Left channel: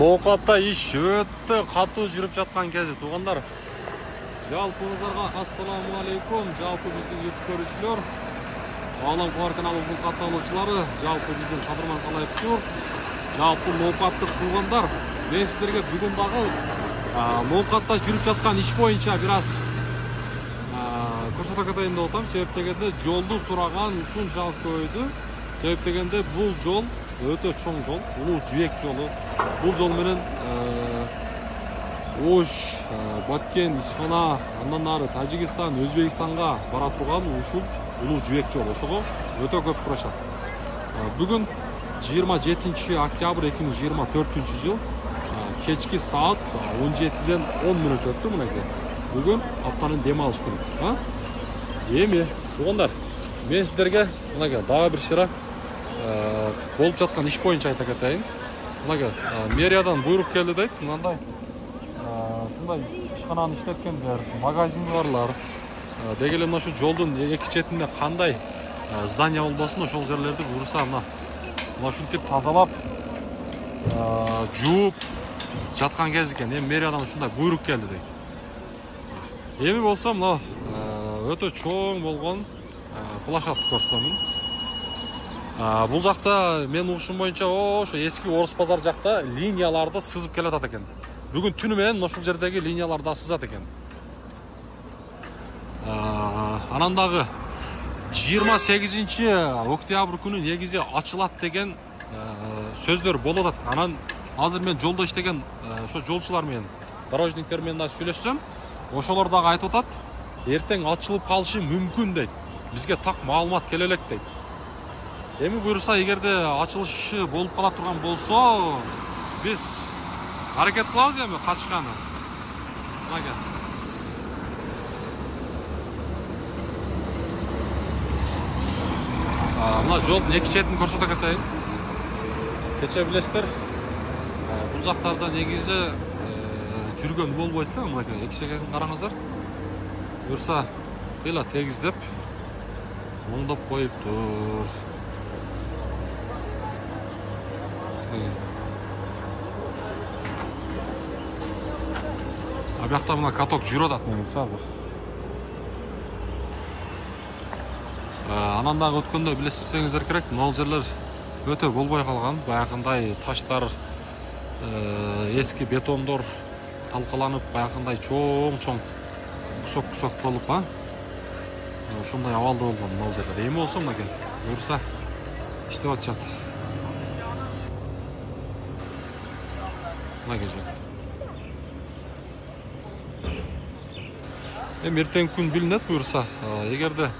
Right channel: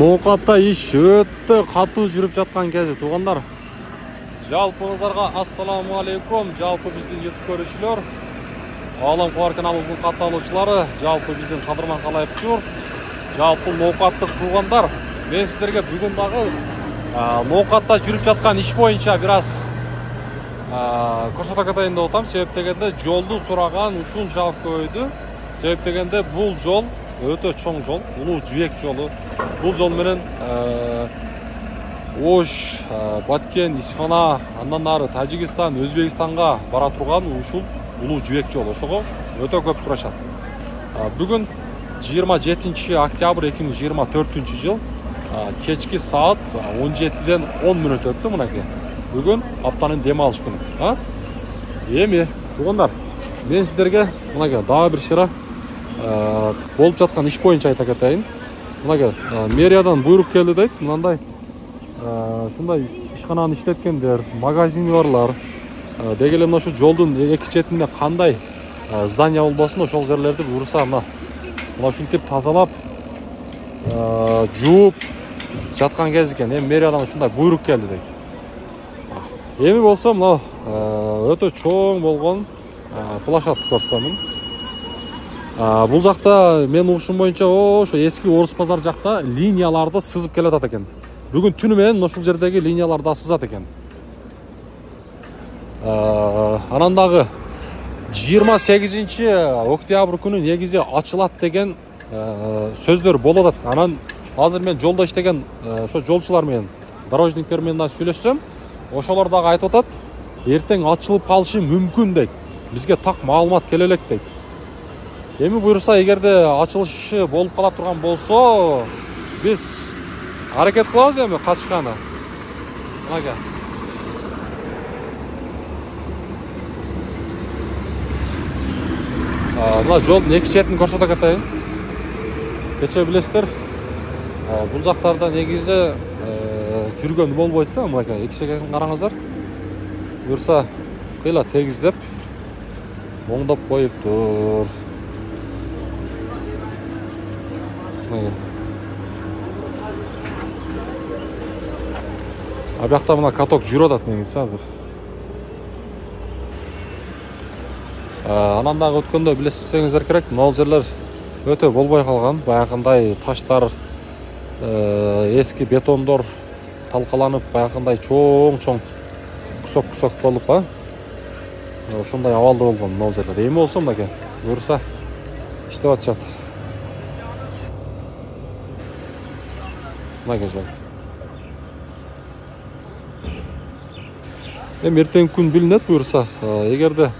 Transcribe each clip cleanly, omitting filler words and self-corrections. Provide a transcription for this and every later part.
Ноокатта иш өтө катуу жүрүп жаткан кези туугандар. Жалпыңыздарга ассаламу алейкум. Жалпы биздин YouTube көрүүчүлөр, Алам Кубар каналыбыздын катталуучулары, жалпы биздин кадырман калайып журт. Жалпы ноокаттык туугандар, мен сиздерге бүгүн дагы ноокатта жүрүп жаткан иш боюнча бир аз көрсөтө кетейин деп атам. Себеп дегенде жолду сураган ушунчалык көбөйдү. Себеп дегенде бул жол өтө чоң жол, улуу жибек жолу. Бул жол менен Ош, Баткен, Исфана, андан ары Тажикстан, Өзбекстанга бара турган ушул улуу жибек жолу. Ошого өтө көп сурашат. Бүгүн 27 октябрь 2024 жыл кечки саат 17-ден 10 мүнөт өттү мынакей. Бүгүн аптанын дем алыш күнү. Эми туугандар, мен сиздерге мынакей дагы бир шыра болуп жаткан иш боюнча айта кетейин. Мынакей мэриядан буйрук келди дейт. Мындай ушундай ишкананы иштеткендер, магазини барлар деги эле мына шу жолдун эки четинде кандай здание болбосун, ошол жерлерди буюрса мына ушинтип тазалап жууп жаткан кез экен. Эми мэриядан ушундай буйрук келди дейт. Эми болсо мына өтө чоң болгон площадь көрсөтөмүн. Бул жакта мен угушум боюнча ошо эски Орус базар жакта линияларды сызып келатат экен. Бүгүн түнү менен ушул жердеги линиялар да сызат экен. Анан дагы 28 октябрь күнү негизи ачылат деген сөздөр болуп атат. Анан азыр мен жолдо иштеген ошо жолчулар менен, дорожниктер менен сүйлөшсөм, ошолор дагы айтып атат, эртең ачылып калышы мүмкүн дейт. Бизге так маалымат келе элек дейт. Эми буюрса, эгерде ачылышы болуп кала турган болсо, биз аракет кылабыз эми катышканы. Мага. Мына жолдун эки четин көрсөтө кетейин. Кече билесиздер, бул жактарда негизи жүргөн болбойт да, мынакей эки четин караңыздар. Буюрса, кыйла тегиздеп оңдоп коюптур. Абиякта мына каток жүрүп атат негизи азыр. Анан дагы өткөндө билесиңиздер керек, мына жерлер өтө болбой калган. Баягындай таштар, эски бетондор талкаланып, баягындай чоң кусок болуп, ошондой абалда болгон мына жерлер. Эми болсо мынакей буюрса иштеп атышат. Мынакей жол. Эми эртең күн билинет буюрса, эгерде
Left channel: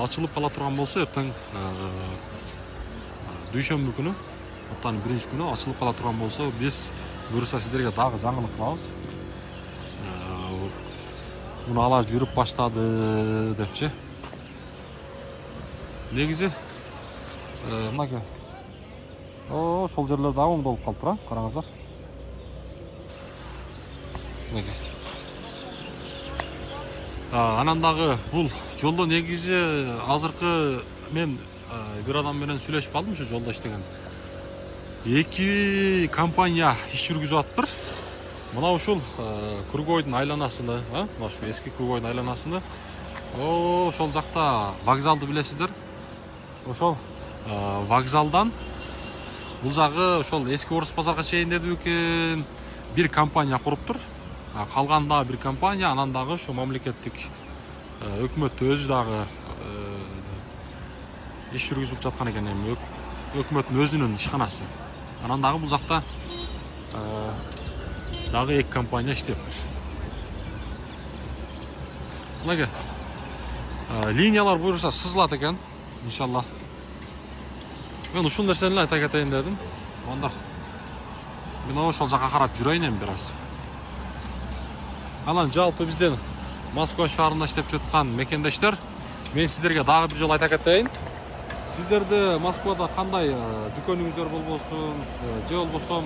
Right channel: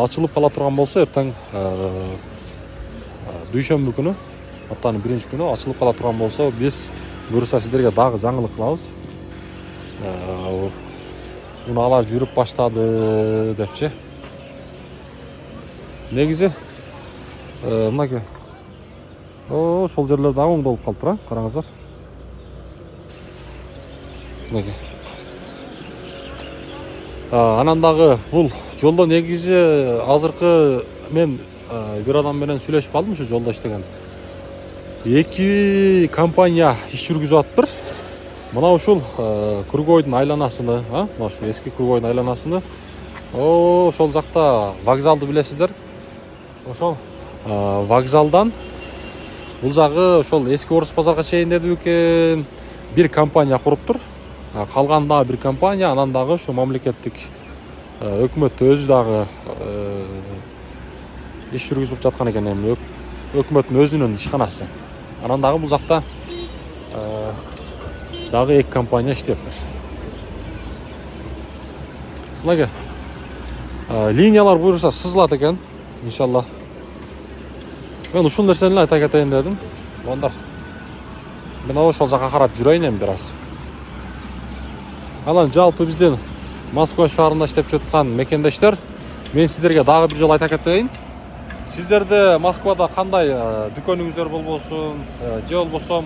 ачылып кала турган болсо, эртең дүйшөмбү күнү, аптанын биринчи күнү ачылып кала турган болсо, биз буюрса сиздерге дагы жаңылык кылабыз. Унаалар жүрүп баштады депчи. Негизи мынакей ошол жерлер дагы оңдолуп калыптыр, караңыздар. Мынакей. Анан дагы бул жолдо негизи азыркы мен бир адам менен сүйлөшүп калдым, ушу жолдо иштеген. Эки компания иш жүргүзүп атыптыр. Мына ушул Кургойдун айланасыны, мына ушу эски Кургойдун айланасыны, ошол жакта вокзалды билесиздер. Ошол вокзалдан бул жагы ошол эски Орус базарга чейин деди экен бир компания куруптур. Калган дагы бир компания, анан дагы ушу мамлекеттик өкмөт өзү дагы иш жүргүзүп жаткан экен. Эми өкмөттүн өзүнүн ишканасы. Анан дагы бул жакта дагы эки компания иштеп. Мынакей линиялар буюрса сызылат экен, иншалла. Мен ушул нерсени айта кетейин дедим. Ондар мен ошол жака карап жүрөйүн эми бир аз. Анан жалпы биздин Москва шаарында иштеп жаткан мекендештер, мен сиздерге дагы бир жолу айта кетейин. Сиздерде Москвада кандай дүкөнүңүздөр болбосун, же болбосо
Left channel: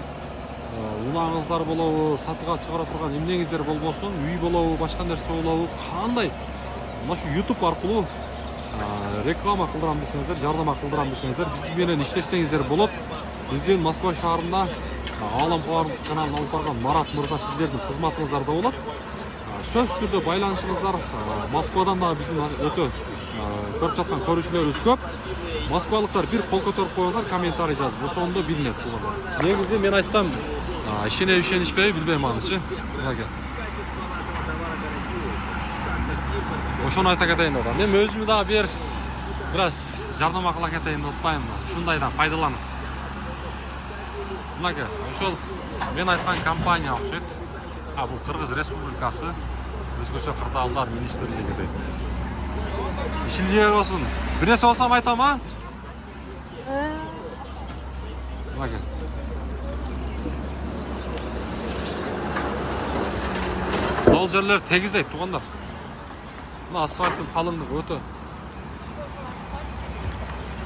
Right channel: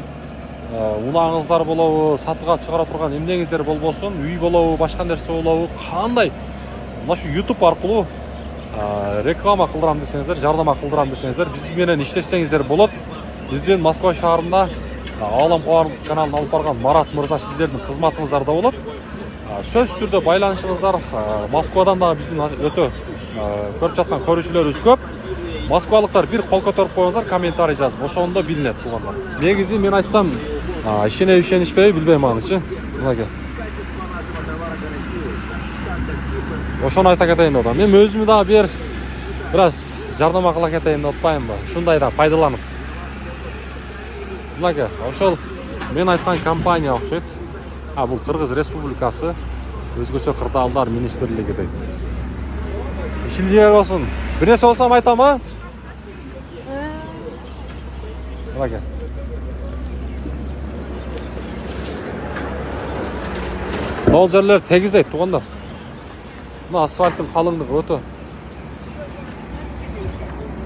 унаңыздар болобу, сатыга чыгара турган эмнеңиздер болбосун, үй болобу, башка нерсе болобу, кандай мына шу YouTube аркылуу реклама кылдырам десеңиздер, жардама кылдырам десеңиздер, биз менен иштесеңиздер болот. Биздин Москва шаарында Алам Қоғамдық каналын алып барған Марат мырза сіздердің қызматыңыздарда болады. Сөзсіз түрде байланышыңыздар. Москвадан да біздің өте көріп жатқан көрушілеріміз көп. Москвалықтар бір қол көтеріп қойыңыздар, комментарий жазып, ошондо билинет тугандар. Негизи мен айтсам, ишенишпей билбейм анычы. Мынакей. Ошону айта кетейин деп атам. Мен өзүмү да бир аз жардам кыла кетейин деп атпаймынбы? Ушундайдан пайдаланып. Мынакей, ошол мен айткан компания окшойт. Бул Кыргыз Республикасы өзгөчө кырдаалдар министрлиги дейт. Ишилжие болсун. Bir nesi olsam aytam ha? Mınakey. Бұл жерлер тегіздейді туғандар. Мына асфальттың қалыңдығы өте.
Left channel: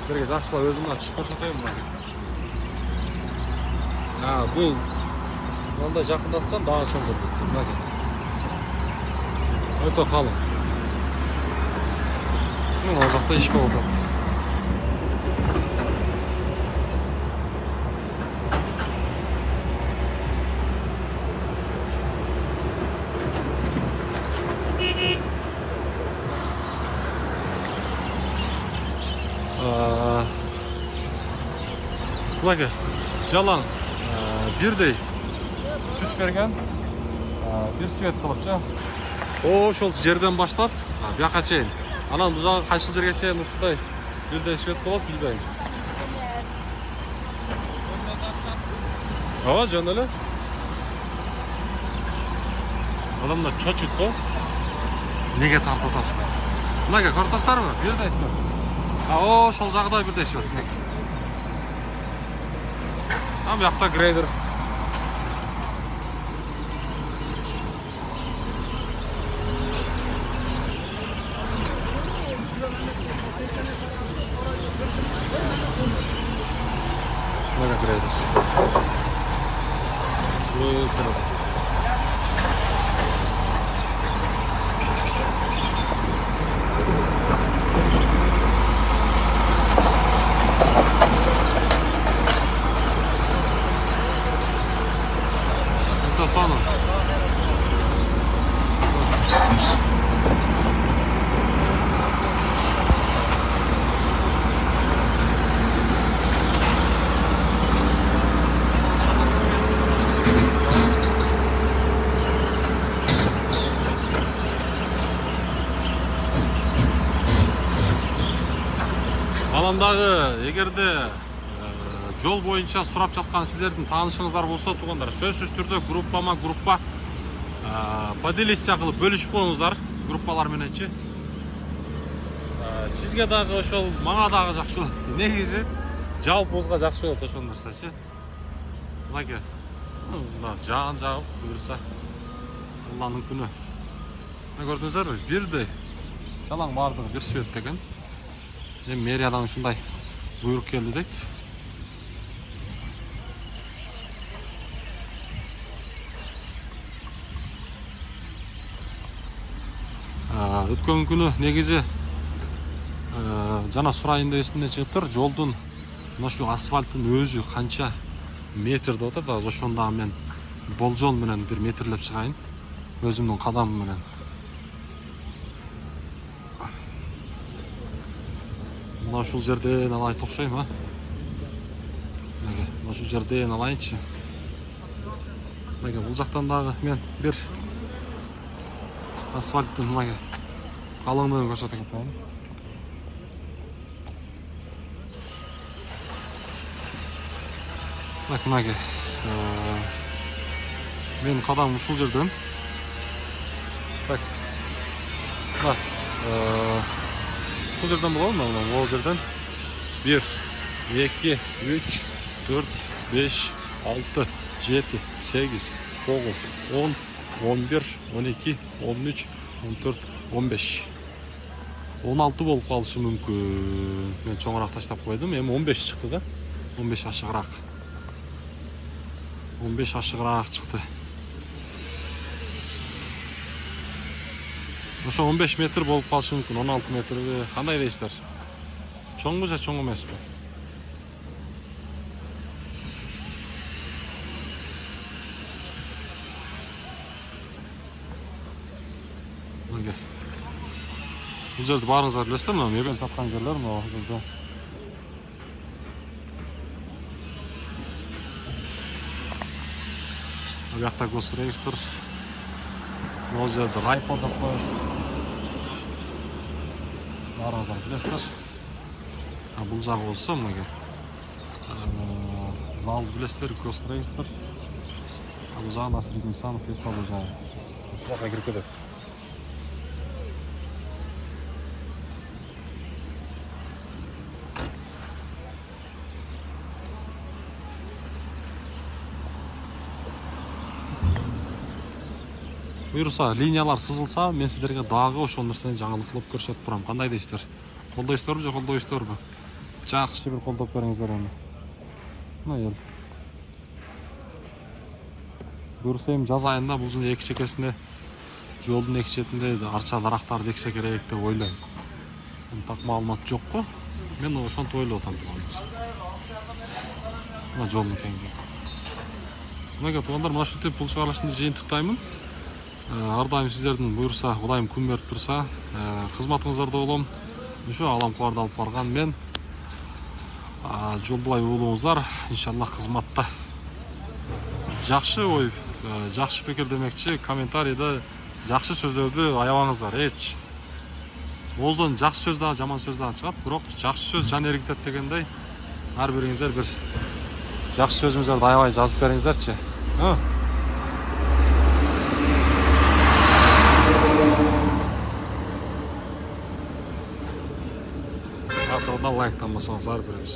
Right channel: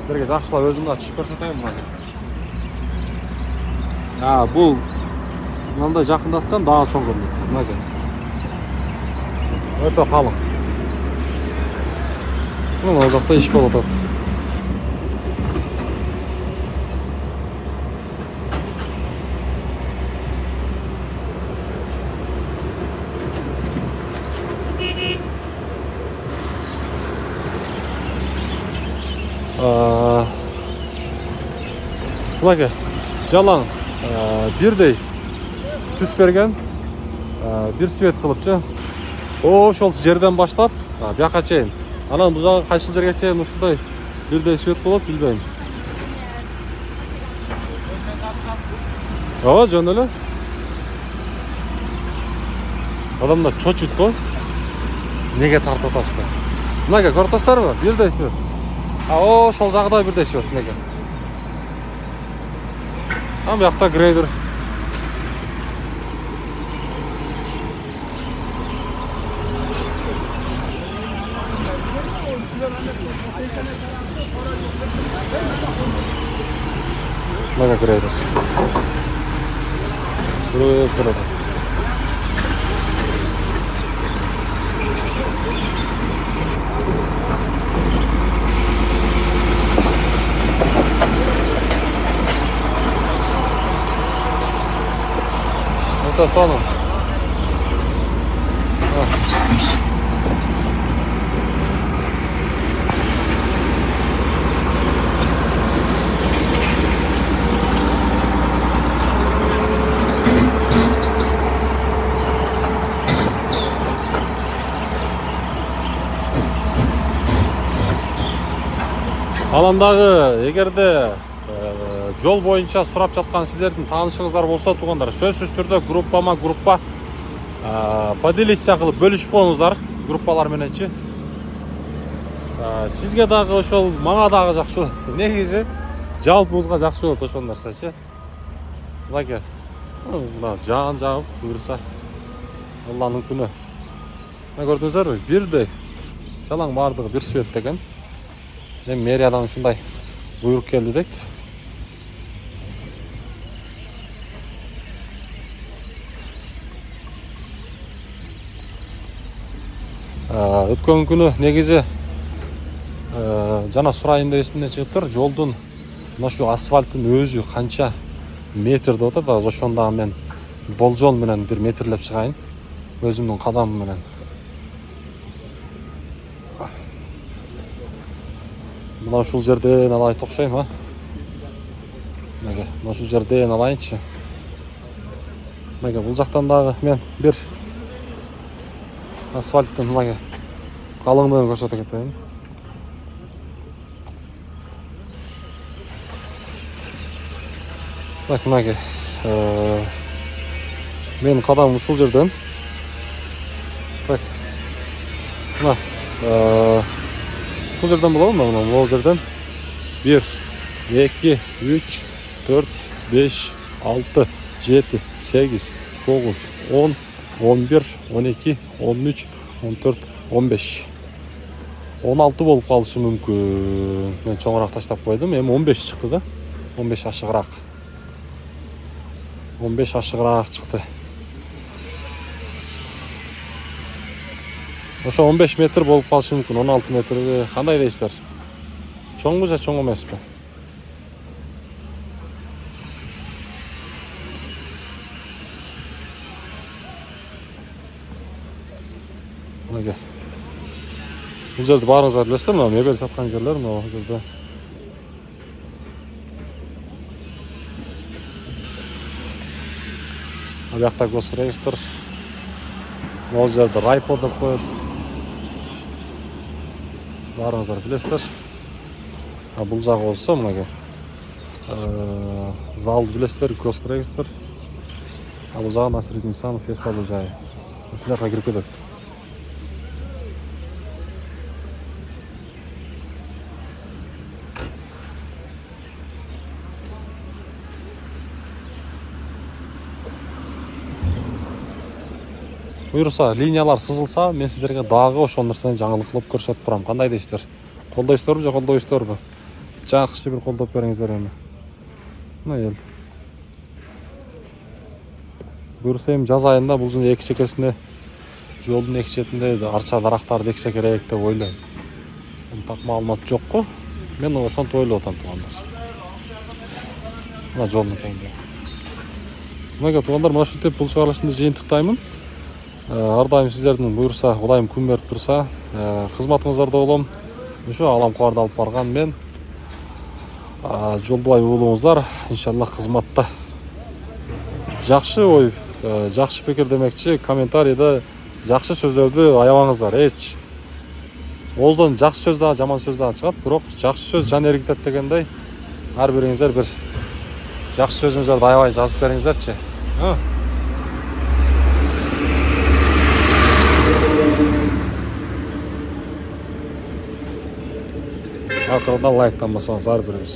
Сіздерге жақшылап өзімді түшіп көрсетейін мынакей. Бұл мынандай жақындасам daha чоң көрінеді. Мынакей. Өте қалың. Мына жақта еш болып отырады. Мынакей, жалаң бірдей түс берген, бір свет қылыпчы. Ошол жерден баштап, бияққа чейин. Анан бұл жағы қайшыл жерге чейин ушундай бірдей свет қылып, билбейм. Жөн эле. Адамдар чочуйт го. Неге тартып атасыздар? Мынакей, көрүп атасыздарбы? Бірдей свет. Ошол жагда бірдей свет, мынакей. Bu yakta grader. Mega grader. Grader. Sonu. Аландағы егерде жол боюнча сурап жаткан сиздердин таанышыңыздар болсо тугандар, сөзсүз түрдө группа поделиться кылып бөлүшүп коюңуздар, группалар мененчи. Сизге дагы ошол, мага дагы жакшы болот. Негизи жалпыбызга жакшы болот ошол нерсечи. Мынакей. Мына жаан жагып буюрса Алланын күнү. Көрдүңүздөрбү? Бирдей жалаң бардыгы бир свет деген. Эми мэриядан ушундай буйрук келди дейт. Өткөн күнү негизи жана сурайын деп эсимден чыгып тур, жолдун ошо асфальттын өзү канча метр деп атат. Ошондо мен болжол менен бир метрлеп чыгайын өзүмдүн кадамым менен. Мына ушул жерден алайын окшойм, а? Мынакей, мына ушул жерден алайынчы. Мынакей, бул жактан дагы мен бир асфальттын мынакей калыңдыгын көрсөтө кетейин. Мынакей, менин кадамым ушул жерден. Так. Мына ушул жерден болобу? Мына бул жерден 1 2 3 4 5 6 7 8 9 10 11 12 13 14 15 16 болуп калышы мүмкүн. Мен чоңураак таштап койдум. Эми 15 чыкты да. 15 ашыгыраак. 15 ашыгыраак чыкты. Ошо 15 метр болуп калышы мүмкүн. 16 метрге кандай дейсиздер? Чоңбу же чоң эмеспи? Мынеге. Бұл жерді барыңыздар білесіздер, мына мебель сатқан жерлер мына жерде. Бұл жақта госрегистр. Бұл жерде райпо деп қойып. Барыңыздар білесіздер. Бұл жағы болса мынеге. Залды білесіздер, госрегистр. Бұл жағы Насырет Нисанов ес алу жайы. Осы жаққа кіріп кетеді. Бұйырса, линиялар сызылса, мен сіздерге дағы ошол нерсени жаңылык кылып көрсөтүп турам. Кандай дейсиздер? Колдойсуздарбы же колдойсуздарбы? Жакшы бир колдоп бериңиздер эми. Мына ел. Бұйырса эми жаз айында бул жерде эки чекесинде, жолдун эки четинде арча дарактарды эксе керек деп ойлойм. Так маалымат жок го. Мен ошентип ойлоп атам туугандар. Мына жолдун кеңдиги. Мына туугандар, мына ушинтип бул чыгарылышты жыйынтыктаймын. Ар дайым сіздердің бұйырса, Құдайым күн беріп тұрса, қызматыңыздарда болом. Ошо алам кубарды алып барган мен. Жолдубай уулуңуздар, иншаллах қызматта. Жакшы ой, жакшы пикир демекчи, комментарийде жакшы сөздөрдү аябаңыздар. Эч ооздан жакшы сөз да, жаман сөз да чыгат, бирок жакшы сөз жан эргитет дегендей, ар бириңиздер бир жакшы сөзүңүздөрдү аябай жазып бериңиздерчи. Ақырында лайктан басаңыз ар біріңіз.